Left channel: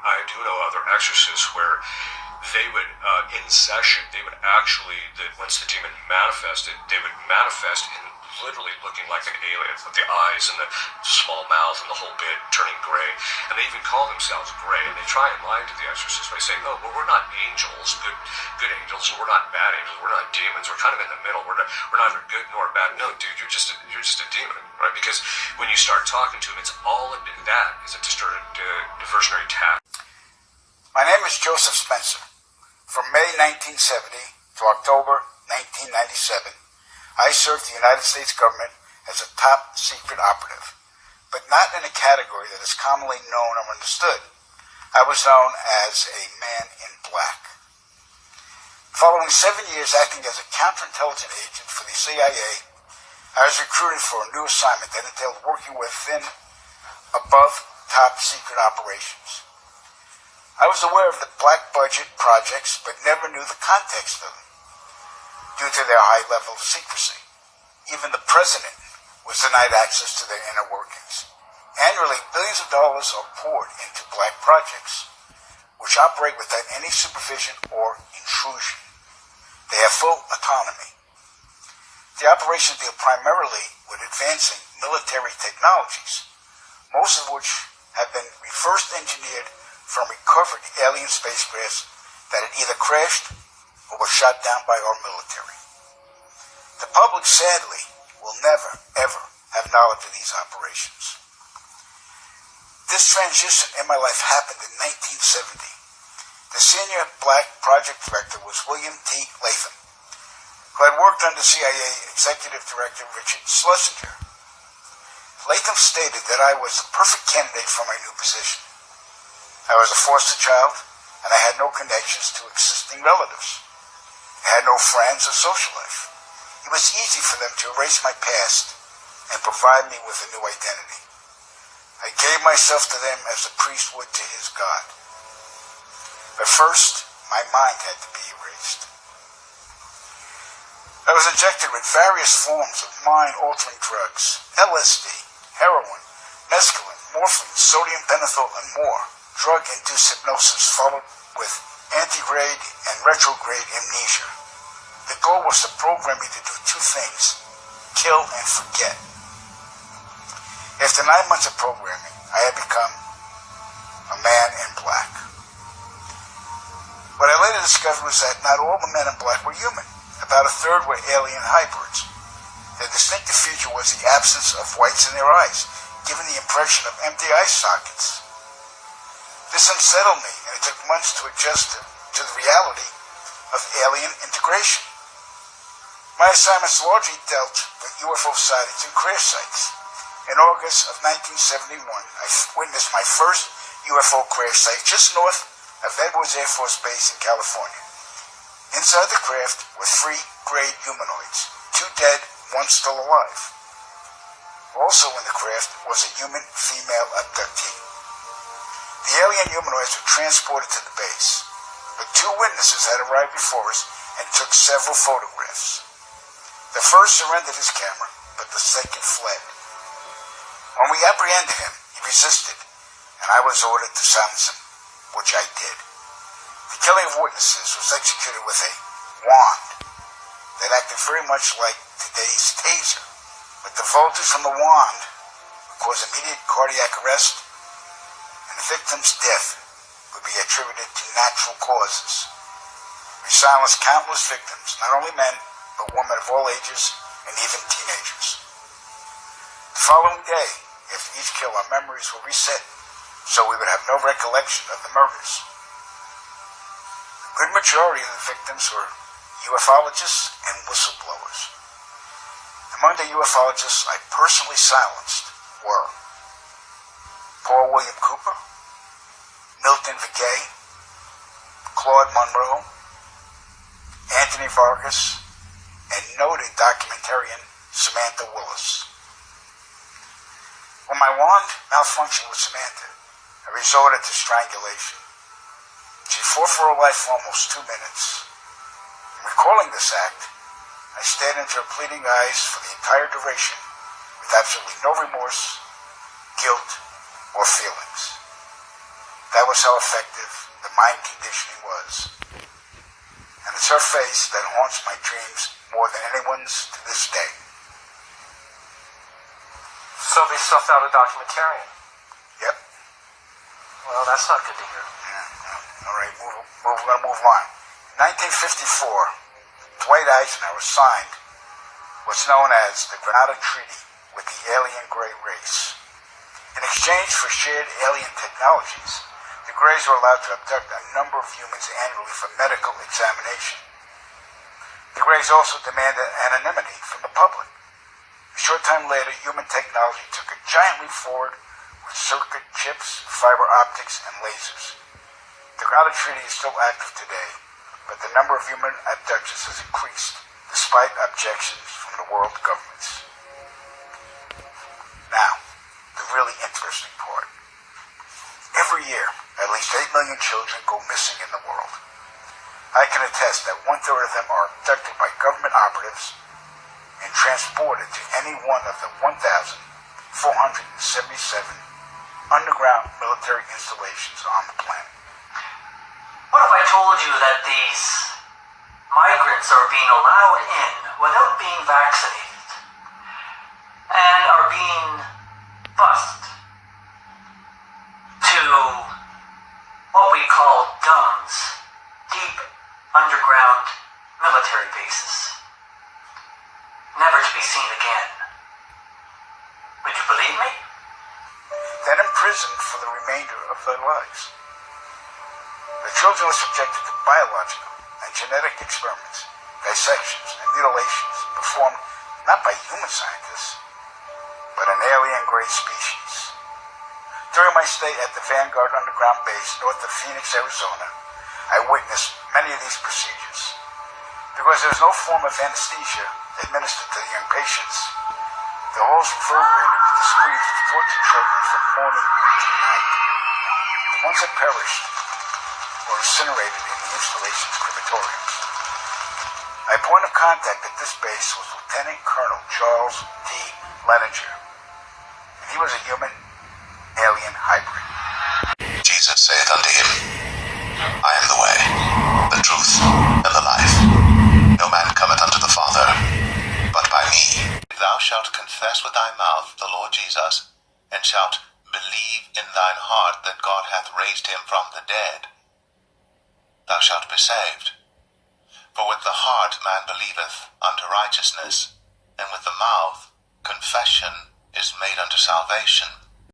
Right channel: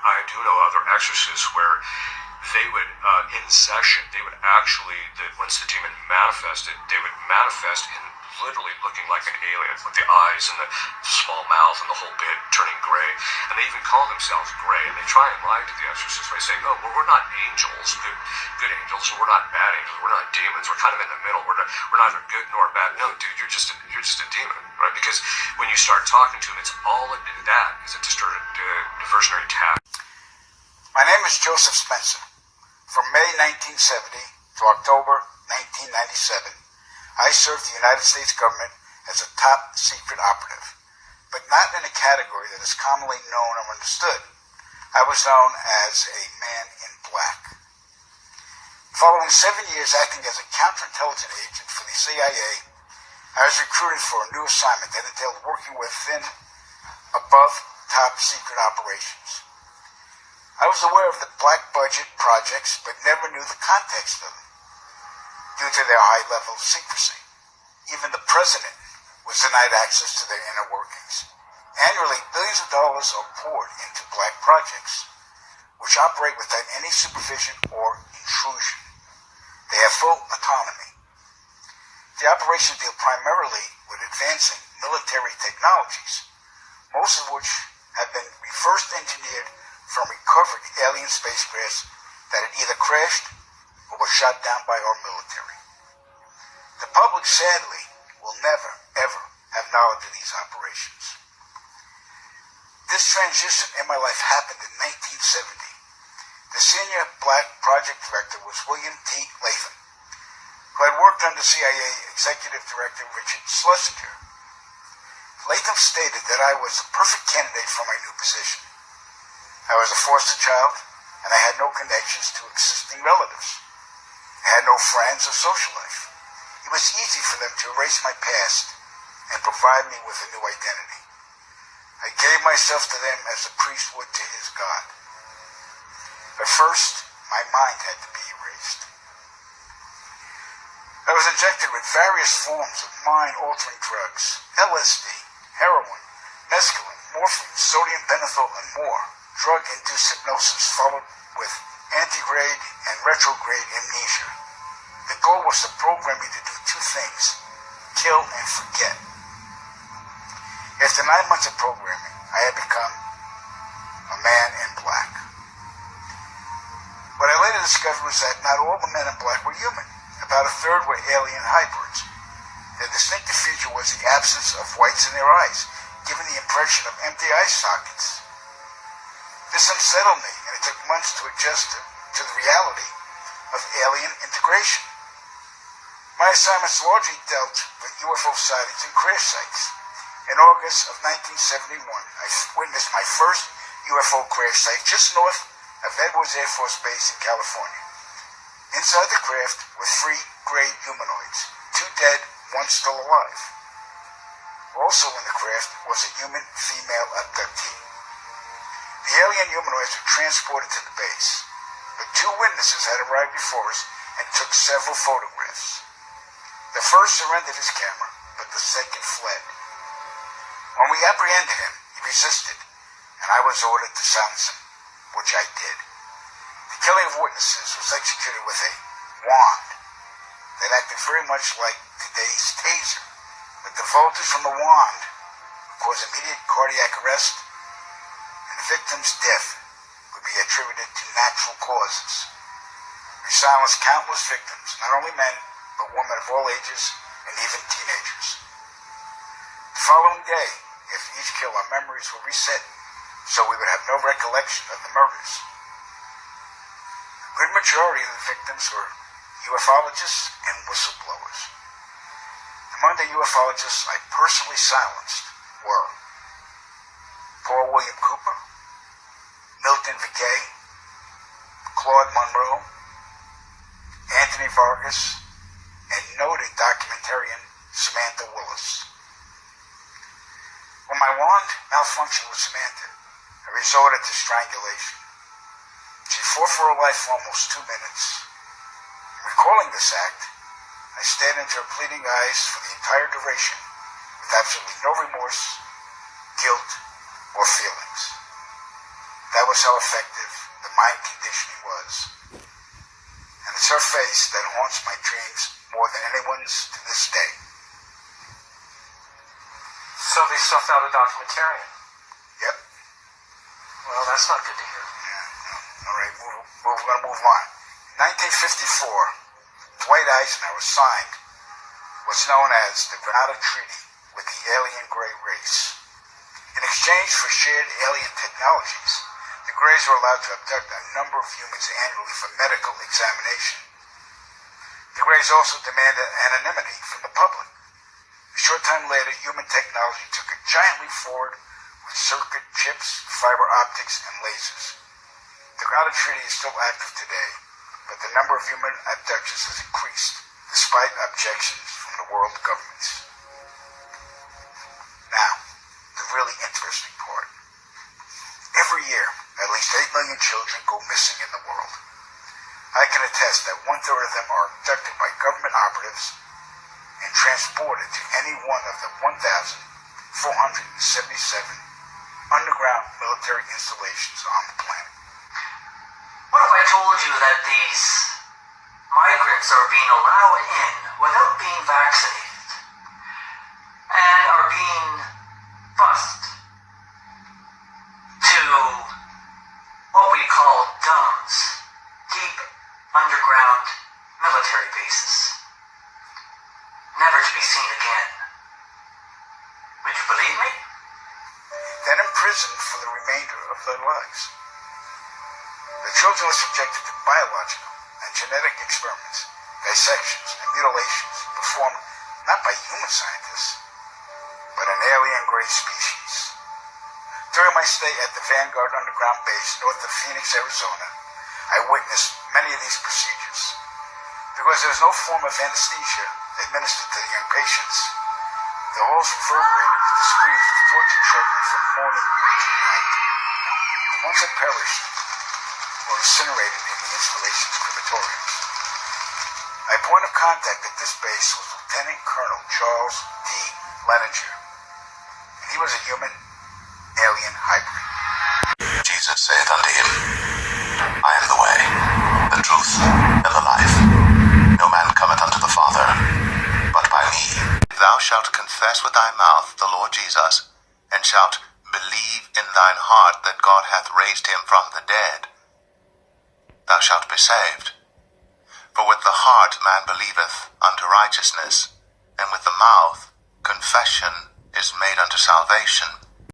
I do know other exorcists where they would, in session, they would actually, once the demon manifested, they would manifest in literally looking like an alien, with the eyes and the small mouth and the whole bit turning gray. And they even call themselves gray, and they try and lie to the exorcist by saying, oh, well, we're not angels, good angels, and we're not bad angels, we're not demons, we're kind of in the middle, we're neither good nor bad. No, dude, you're just a demon, right? Because when you start talking to him, it's all in that is a distorted diversionary tap. My name is Joseph Spencer. From May 1970 to October 1997, I served the United States government as a top secret operative, but not in a category that is commonly known or understood. I was known as a man in black. Following 7 years acting as a counterintelligence agent for the CIA, I was recruited for a new assignment that entailed working within above top secret operations. I was aware of the black budget projects, but never knew the context of them, due to their high level of secrecy. Even the president was denied access to their inner workings. Annually, billions of dollars are poured into black projects, which operate without any supervision or intrusion. They have full autonomy. The operations deal primarily with advancing military technologies, most of which have been reverse engineered from recovered alien spacecrafts that had either crashed or were shot down by our military. The public, sadly, will never, ever have knowledge of these operations. This transition in my life happened in 1970. The senior black project director was William T. Latham, who had worked under CIA Executive Director Richard Schlesinger. Latham stated that I was the perfect candidate for my new position. I was a foster child, and I had no connections to existing relatives. I had no friends or social life. It was easy for them to erase my past and provide me with a new identity. I gave myself to them as a priest would to his God. But first, my mind had to be erased. I was injected with various forms of mind-altering drugs: LSD, heroin, mescaline, morphine, sodium pentothal, and more. Drug-induced hypnosis followed with antegrade and retrograde amnesia. The goal was to program me to do two things: kill and forget. After 9 months of programming, I had become a man in black. What I later discovered was that not all the men in black were human. About a third were alien hybrids. Their distinctive feature was the absence of whites in their eyes, giving the impression of empty eye sockets. This unsettled me, and it took months to adjust to the reality of alien integration. My assignments largely dealt with UFO sightings and crash sites. In August of 1971, I witnessed my first UFO crash site just north of Edwards Air Force Base in California. Inside the craft were 3 gray humanoids, 2 dead, 1 still alive. Also in the craft was a human female abductee. The alien humanoids were transported to the base, but 2 witnesses had arrived before us and took several photographs. The first surrendered his camera, but the second fled. When we apprehended him, he resisted, and I was ordered to silence him, which I did. The killing of witnesses was executed with a wand that acted very much like today's taser, but the voltage from the wand would cause immediate cardiac arrest, and the victim's death would be attributed to natural causes. We silenced countless victims, not only men, but women of all ages and even teenagers. The following day, after each kill, our memories were reset so we would have no recollection of the murders. A good majority of the victims were ufologists and whistleblowers. Among the ufologists I personally silenced were Paul William Cooper, Milton Vigay, Claude Monroe, Anthony Vargas, and noted documentarian Samantha Willis. When my wand malfunctioned with Samantha, I resorted to strangulation. She fought for her life for almost 2 minutes. In recalling this act, I stared into her pleading eyes for the entire duration with absolutely no remorse, guilt, or feelings. That was how effective the mind conditioning was. And it's her face that haunts my dreams more than anyone's to this day. So they stuffed out a documentarian? Yep. Well, that's not good to hear. Yeah. All right, we're going to move on. In 1954, Dwight Eisenhower signed what's known as the Granada Treaty with the alien gray race. In exchange for shared alien technologies, the Greys were allowed to abduct a number of humans annually for medical examination. The Greys also demanded anonymity from the public. A short time later, human technology took a giant leap forward with circuit chips, fiber optics, and lasers. The Granada Treaty is still active today, but the number of human abductions has increased, despite objections from the world governments. Now, the really interesting part. Every year, at least 8 million children go missing in the world. I can attest that 1/3 of them are abducted by government operatives and transported to any one of the 1,477 underground military installations on the planet. What if I told you that these migrants are being allowed in without being vaccinated and are being bused to what we call DUMBs, deep underground military bases, never to be seen again? Would you believe me? Then imprisoned for the remainder of their lives. The children are subjected to biological and genetic experiments, dissections, and mutilations performed not by human scientists, but an alien gray species. During my stay at the Vanguard Underground Base north of Phoenix, Arizona, I witnessed many of these procedures. Because there was no form of anesthesia administered to the young patients, the halls reverberated with the screams of tortured children from morning to night. The ones that perished were incinerated in the installation's crematoriums. My point of contact at this base was Lieutenant Colonel Charles D. Leninger, and he was a human-alien hybrid. Jesus saith unto him, I am the way, the truth, and the life. No man cometh unto the Father, but by me. If thou shalt confess with thy mouth the Lord Jesus, and shalt believe in thine heart that God hath raised him from the dead, thou shalt be saved. For with the heart man believeth unto righteousness, and with the mouth confession is made unto salvation.